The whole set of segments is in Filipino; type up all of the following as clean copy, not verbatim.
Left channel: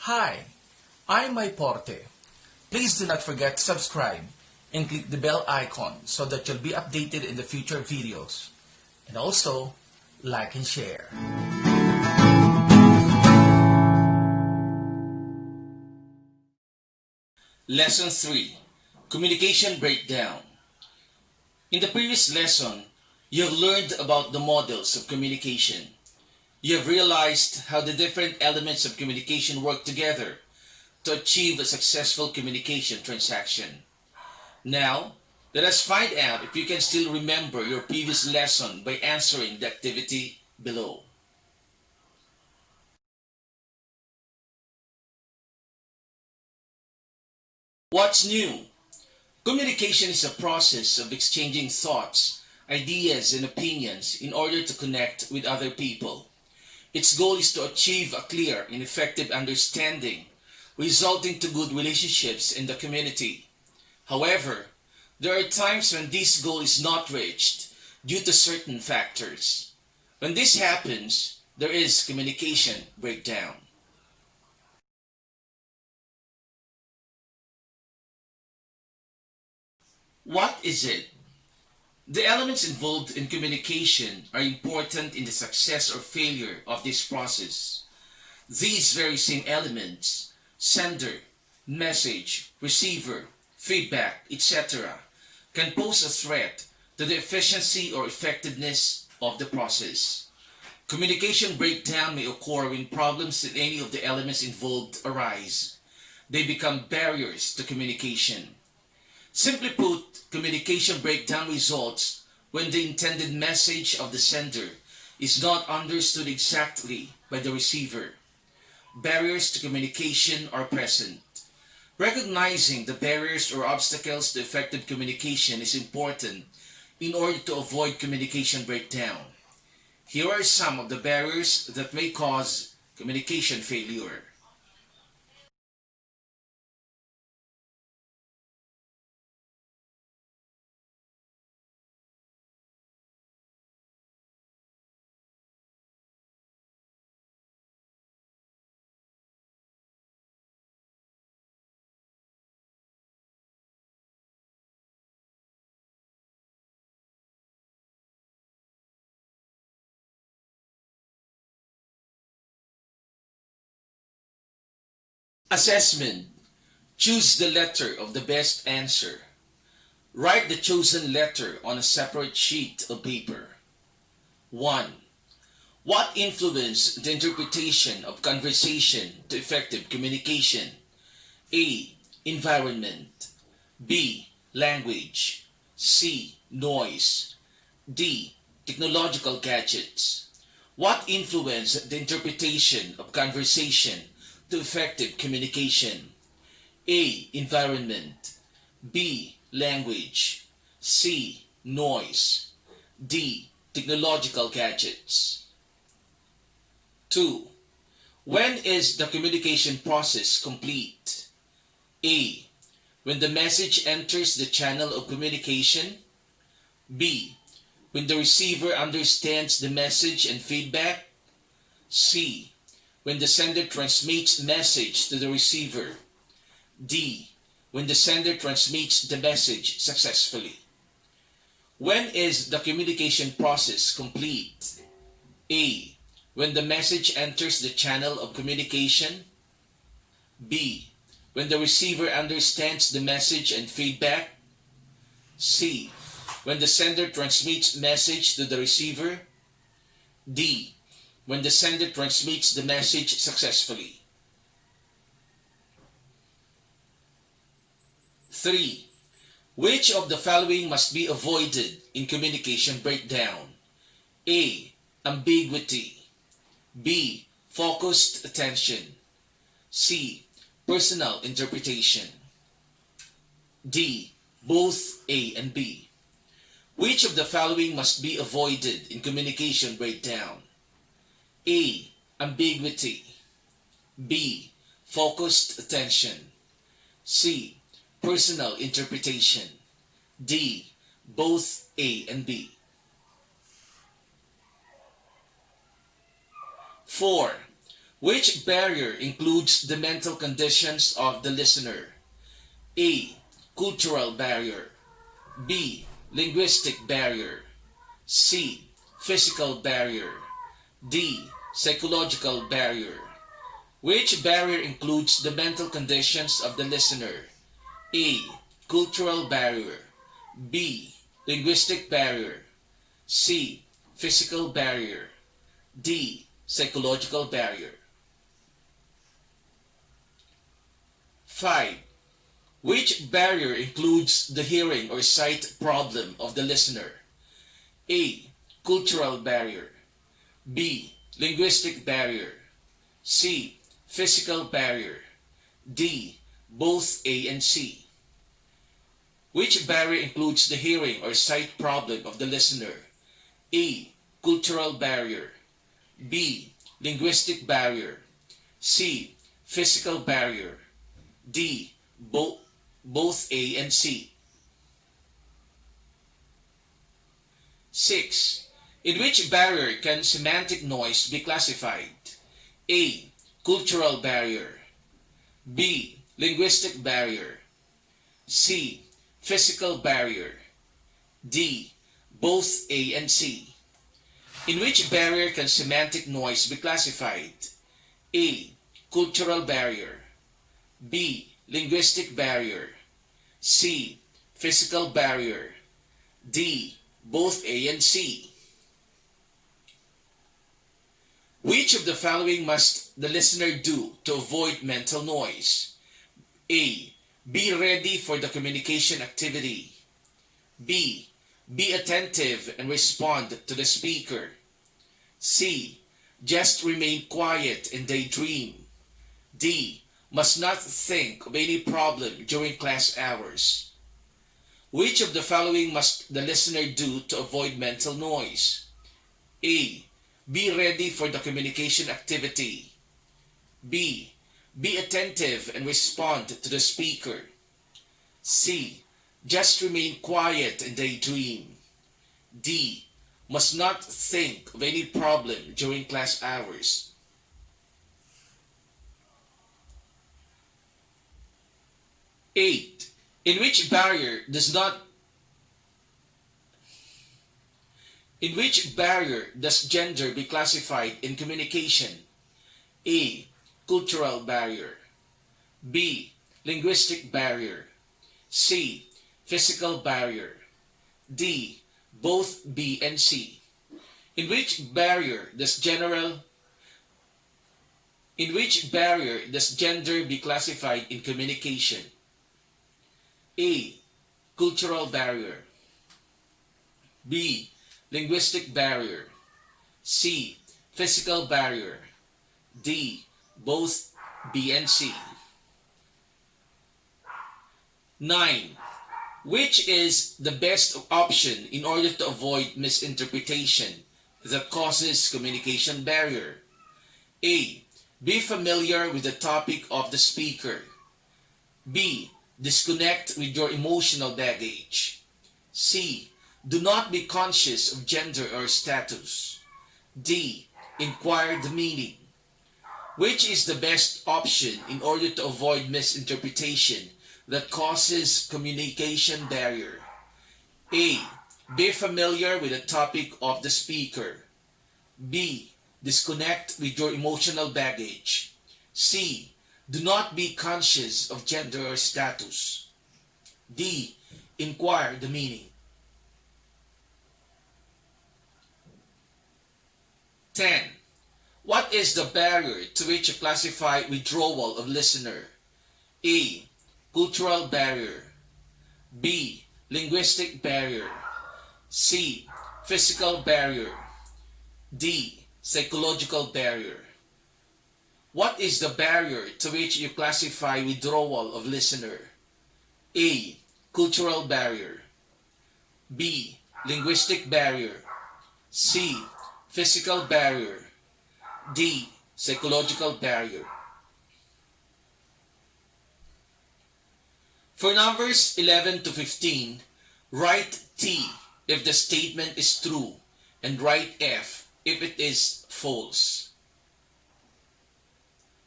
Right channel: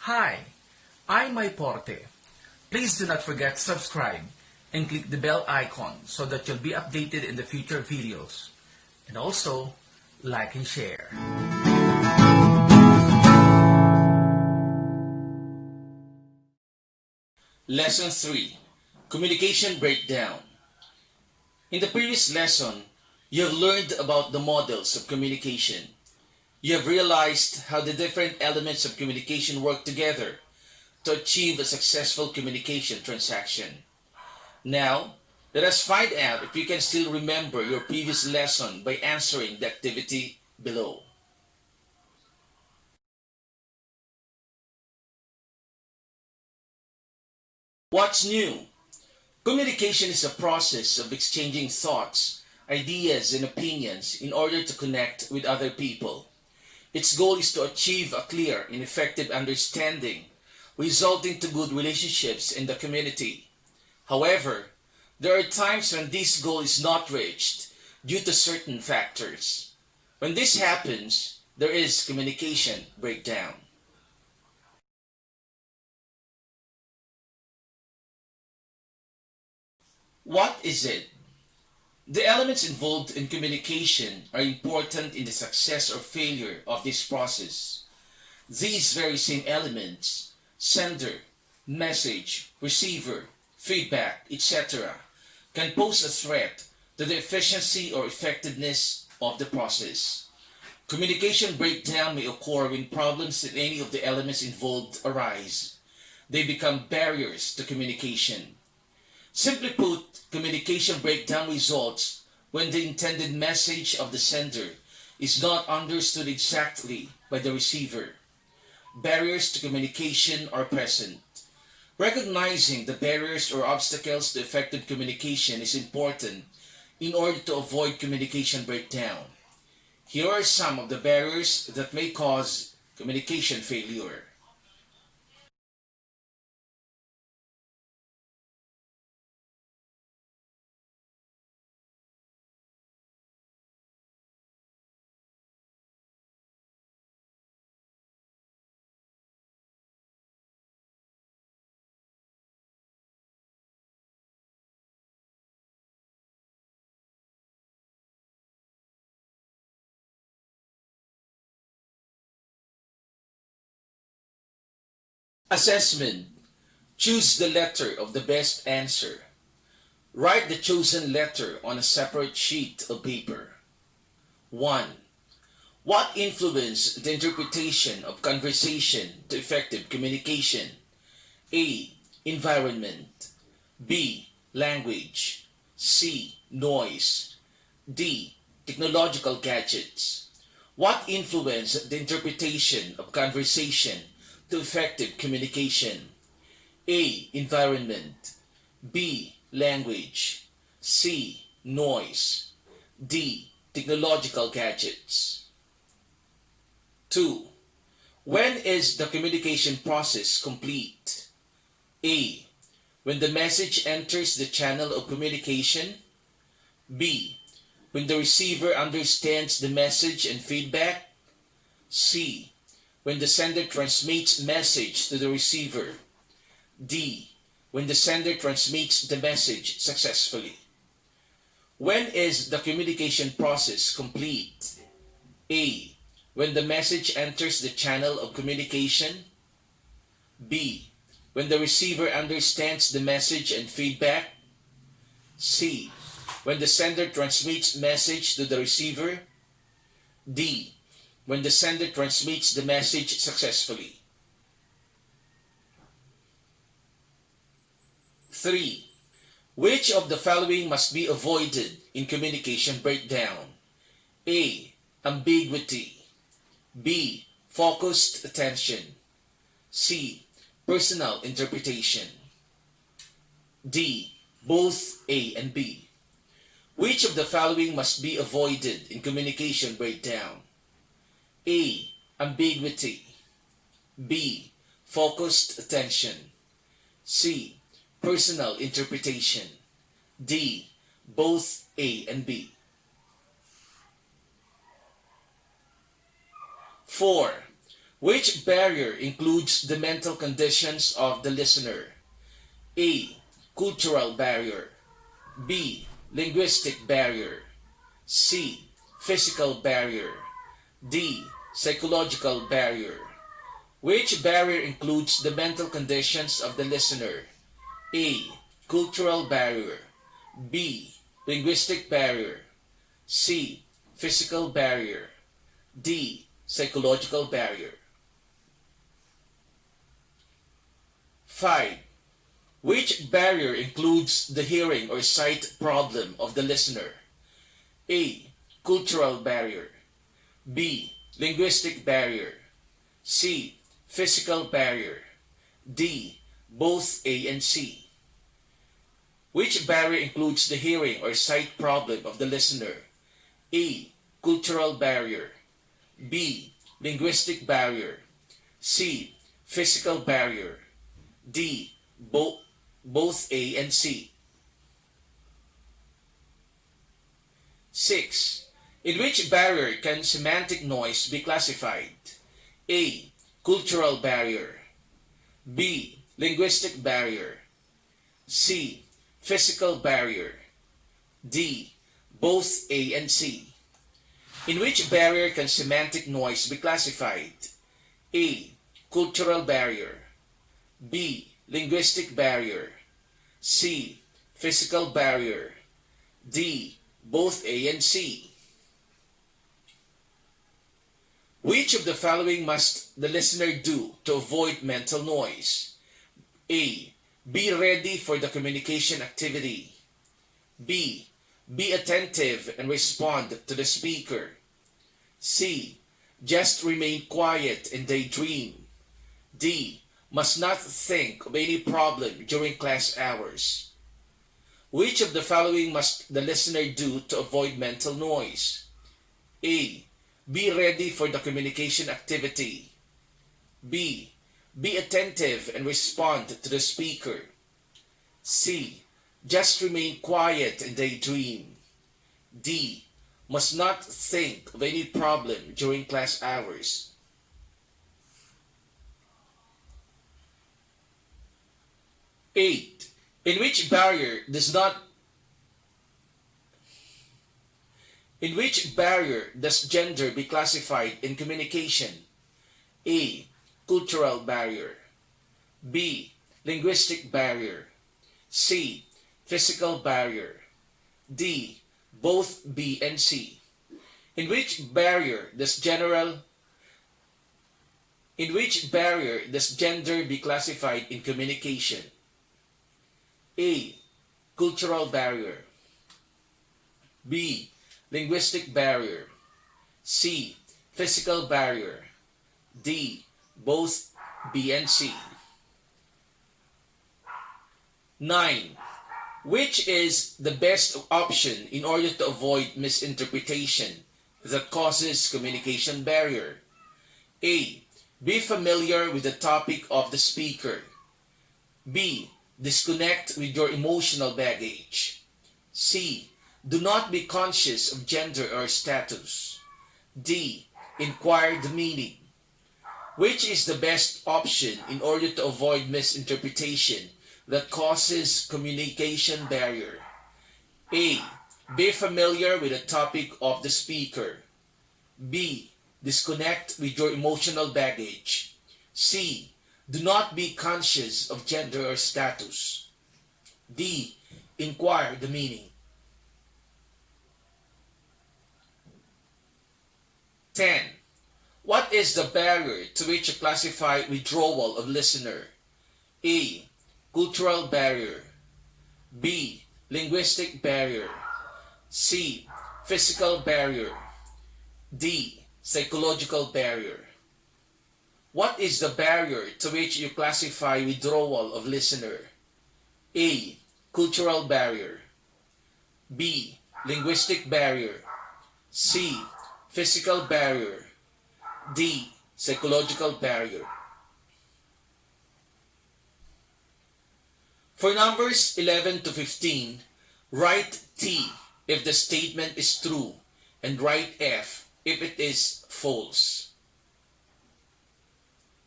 Hi, I'm Porte. Please do not forget to subscribe and click the bell icon so that you'll be updated in the future videos. And also, like and share. Lesson 3. Communication Breakdown. In the previous lesson, you have learned about the models of communication. You have realized how the different elements of communication work together to achieve a successful communication transaction. Now, let us find out if you can still remember your previous lesson by answering the activity below. What's new? Communication is a process of exchanging thoughts, ideas, and opinions in order to connect with other people. Its goal is to achieve a clear and effective understanding, resulting to good relationships in the community. However, there are times when this goal is not reached due to certain factors. When this happens, there is communication breakdown. What is it? The elements involved in communication are important in the success or failure of this process. These very same elements, sender, message, receiver, feedback, etc., can pose a threat to the efficiency or effectiveness of the process. Communication breakdown may occur when problems in any of the elements involved arise. They become barriers to communication. Simply put, communication breakdown results when the intended message of the sender is not understood exactly by the receiver. Barriers to communication are present. Recognizing the barriers or obstacles to effective communication is important in order to avoid communication breakdown. Here are some of the barriers that may cause communication failure. Assessment. Choose the letter of the best answer. Write the chosen letter on a separate sheet of paper. 1. What influenced the interpretation of conversation to effective communication? A. Environment. B. Language. C. Noise. D. Technological gadgets. What influenced the interpretation of conversation to effective communication? A. Environment. B. Language. C. Noise. D. Technological gadgets. 2. When is the communication process complete? A. When the message enters the channel of communication. B. When the receiver understands the message and feedback. C. When the sender transmits message to the receiver. D. When the sender transmits the message successfully. When is the communication process complete? A. When the message enters the channel of communication. B. When the receiver understands the message and feedback. C. When the sender transmits message to the receiver. D. When the sender transmits the message successfully. 3. Which of the following must be avoided in communication breakdown? A. Ambiguity. B. Focused attention. C. Personal interpretation. D. Both A and B. Which of the following must be avoided in communication breakdown? A. Ambiguity. B. Focused attention. C. Personal interpretation. D. Both A and B. 4. Which barrier includes the mental conditions of the listener? A. Cultural barrier. B. Linguistic barrier. C. Physical barrier. D. Psychological barrier. Which barrier includes the mental conditions of the listener? A. Cultural barrier. B. Linguistic barrier. C. Physical barrier. D. Psychological barrier. 5. Which barrier includes the hearing or sight problem of the listener? A. Cultural barrier. B. Linguistic barrier. C. Physical barrier. D. Both A and C. Which barrier includes the hearing or sight problem of the listener? A. Cultural barrier. B. Linguistic barrier. C. Physical barrier. D. Both A and C. 6. In which barrier can semantic noise be classified? A. Cultural barrier. B. Linguistic barrier. C. Physical barrier. D. Both A and C. In which barrier can semantic noise be classified? A. Cultural barrier. B. Linguistic barrier. C. Physical barrier. D. Both A and C. Which of the following must the listener do to avoid mental noise? A. Be ready for the communication activity. B. Be attentive and respond to the speaker. C. Just remain quiet and daydream. D. Must not think of any problem during class hours. Which of the following must the listener do to avoid mental noise? A. Be ready for the communication activity. B. Be attentive and respond to the speaker. C. Just remain quiet and daydream. D. Must not think of any problem during class hours. 8. In which barrier does gender be classified in communication? A. Cultural barrier. B. Linguistic barrier. C. Physical barrier. D. Both B and C. In which barrier does gender be classified in communication? A. Cultural barrier. B. Linguistic barrier. C. Physical barrier. D. Both B and C. 9. Which is the best option in order to avoid misinterpretation that causes communication barrier? A. Be familiar with the topic of the speaker. B. Disconnect with your emotional baggage. C. Do not be conscious of gender or status. D. Inquire the meaning. Which is the best option in order to avoid misinterpretation that causes communication barrier? A. Be familiar with the topic of the speaker. B. Disconnect with your emotional baggage. C. Do not be conscious of gender or status. D. Inquire the meaning. 10. What is the barrier to which you classify withdrawal of listener? A. Cultural barrier. B. Linguistic barrier. C. Physical barrier. D. Psychological barrier. What is the barrier to which you classify withdrawal of listener? A. Cultural barrier. B. Linguistic barrier. C. Physical barrier. D. Psychological barrier. For numbers 11 to 15, write T if the statement is true and write F if it is false.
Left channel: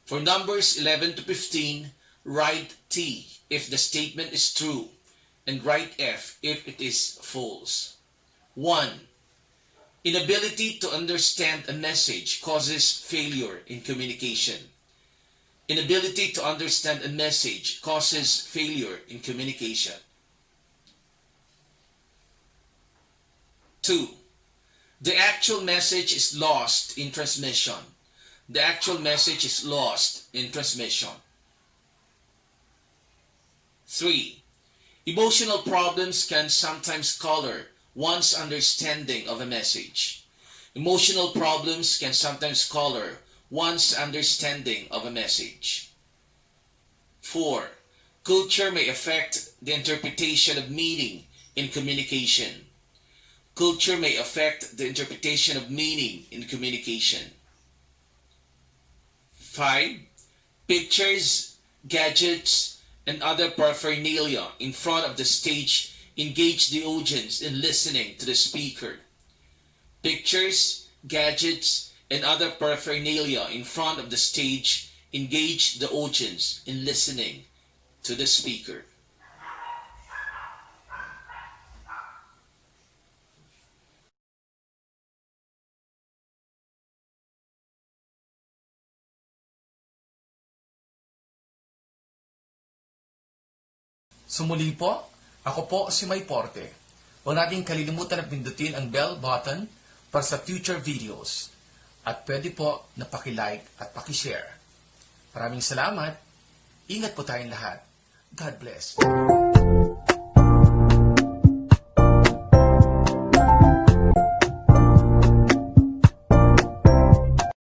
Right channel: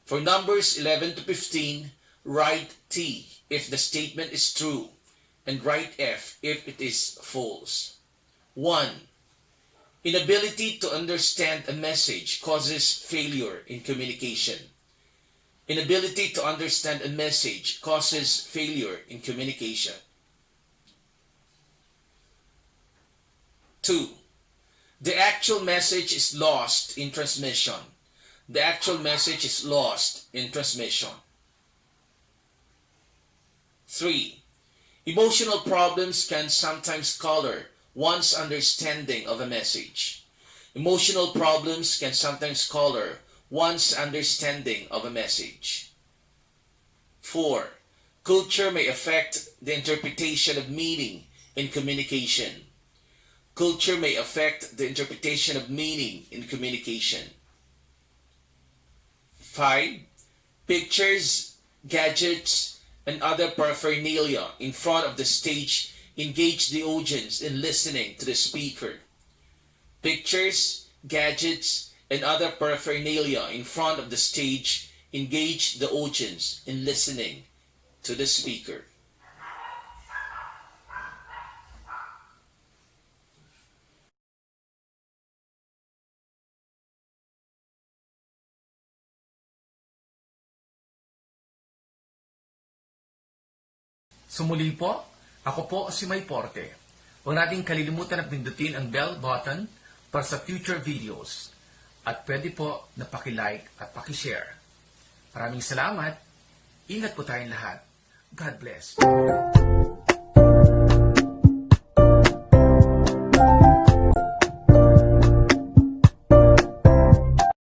For numbers 11 to 15, write T if the statement is true and write F if it is false. 1. Inability to understand a message causes failure in communication. Inability to understand a message causes failure in communication. 2. The actual message is lost in transmission. The actual message is lost in transmission. 3. Emotional problems can sometimes color one's understanding of a message. Emotional problems can sometimes color one's understanding of a message. 4. Culture may affect the interpretation of meaning in communication. Culture may affect the interpretation of meaning in communication. 5. Pictures, gadgets, and other paraphernalia in front of the stage engage the audience in listening to the speaker. Pictures, gadgets, and other paraphernalia in front of the stage engage the audience in listening to the speaker. So muli po, ako po si Porte. Huwag natin kalilimutan na pindutin ang bell button para sa future videos. At pwede po na paki-like at paki-share. Maraming salamat. Ingat po tayong lahat. God bless.